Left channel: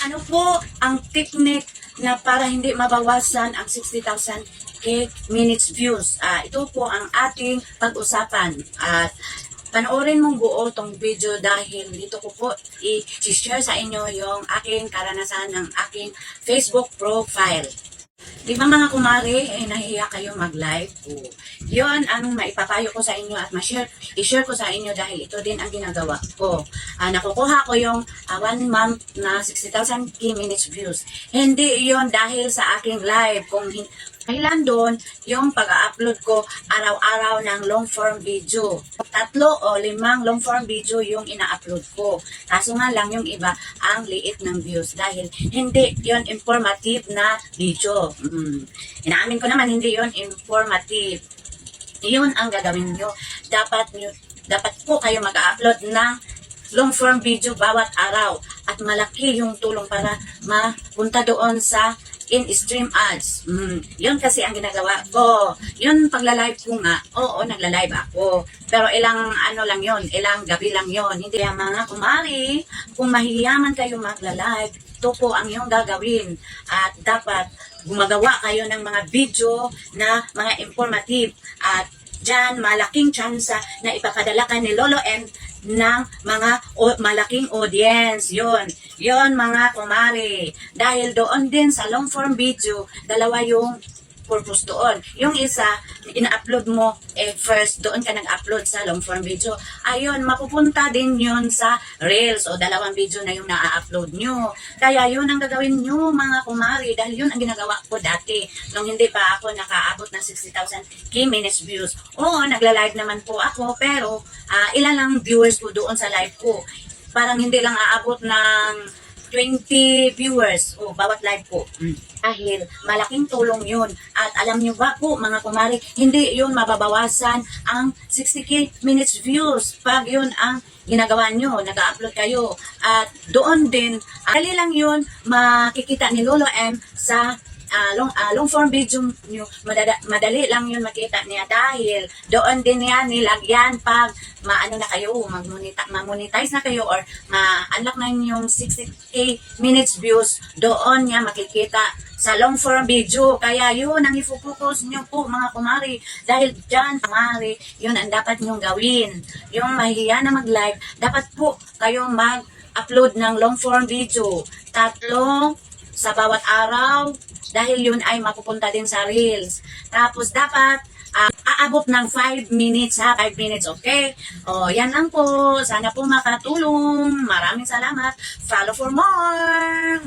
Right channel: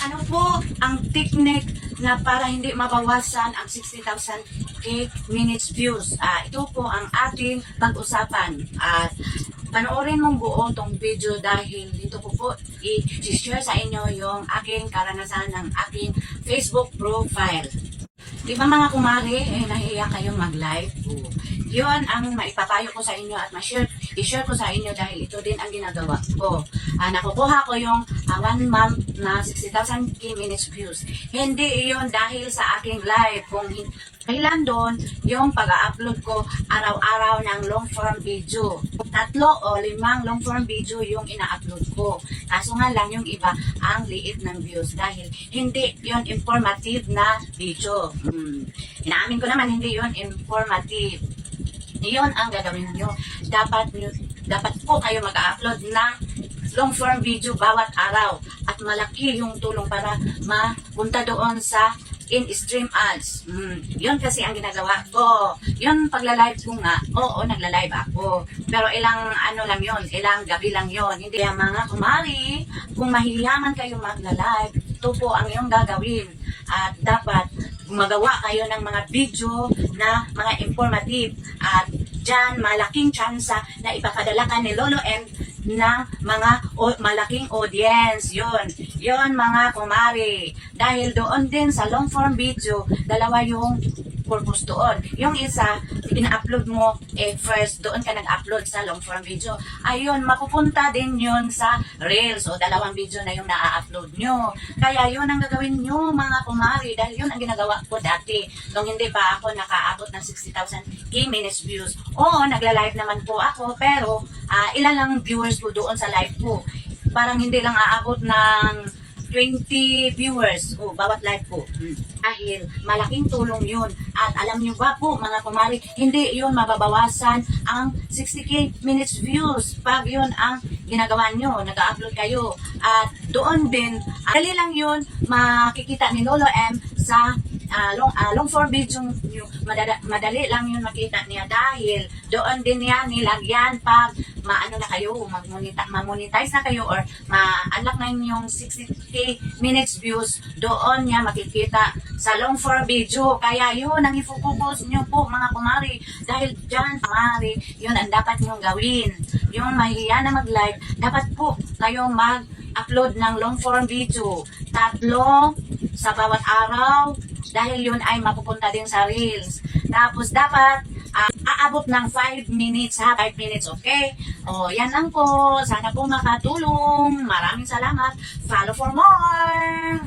Ano po ang technique na para hindi mabawasan ang 60,000 minutes views? Ito po ang ating pag-usapan. At panoorin mong buo tong video dahil dito ko po i-share sa inyo yung aking karanasan ng aking Facebook profile. Di ba mga kumari, nahihiya kayong mag-live? Yun ang maipapayo ko sa inyo at i-share ko sa inyo dahil ito din ang ginagawa ko. Nakukuha ko yung 1 month na 60,000 minutes views. Hindi yon dahil sa aking live. Kailan doon yung pag-upload ko araw-araw ng long form video. 3 o 5 long form video yung ina-upload ko. Kaso nga lang yung iba ang liit ng views dahil hindi yon informative na video. Inaamin ko naman hindi yon informative. Iyon ang gagawin nyo. Dapat po kayo mag-upload ng long form video bawat araw at malaki yung tulong para mapunta doon sa in-stream ads. Yun kasi ang ginagawa ko. Yun pagla-live ko nga, oo, nagla-live ako. Pero ilang gabi lang yon. Hindi mga kumari, kung mahihiyaman kayo magla-live, ito po ang yung gagawin. At dapat gumagawa kayo ng mga video na mga informative. At dyan, malaking tsansa na ipapadala ka ni Lolo M ng mga malaking audience. Yun mga kumari. Dahil doon din sa long form video, dalawa yung purpose doon. Yung isa, ina-upload mo, first, doon ka nag-upload sa long form video. Ayun, mapupunta din yun sa Reels. O, 2 video na yung na-upload nyo. Kaya yun ang gagawin nyo, mga kumari. Dahil yun ang ginagawa ko dati. Nung hindi pa ako nakaabot ng 60,000 minutes views. Oo, nagla-live naman po ako. Pero, ilan lang viewers ko doon sa live ko. Parang hindi lang aabot ng 20 viewers bawat live po. Dahil malaking tulong yun. At alam nyo ba po mga kumari, hindi yun mababawasan ang 60k minutes views pag yun ang ginagawa nyo, nag-upload kayo. At doon din, dali lang yun makikita ni Lolo M sa long form video nyo. Madali lang yun makita niya dahil doon din niya nilagyan pag ma-monetize na kayo or ma-unlock na yung 60k minutes views, doon niya makikita sa long form video. Kaya yun ang ifocus nyo po mga kumari. Dahil dyan, kumari, yun ang dapat nyong gawin. Yung mahihiya na mag-live, dapat po kayong mag-upload ng long form video. 3 sa bawat araw. Dahil yun ay mapupunta din sa Reels. Tapos dapat aabot ng 5 minutes 5 minutes, okay? Yan lang po. Sana po makatulong. Maraming salamat. Follow for more.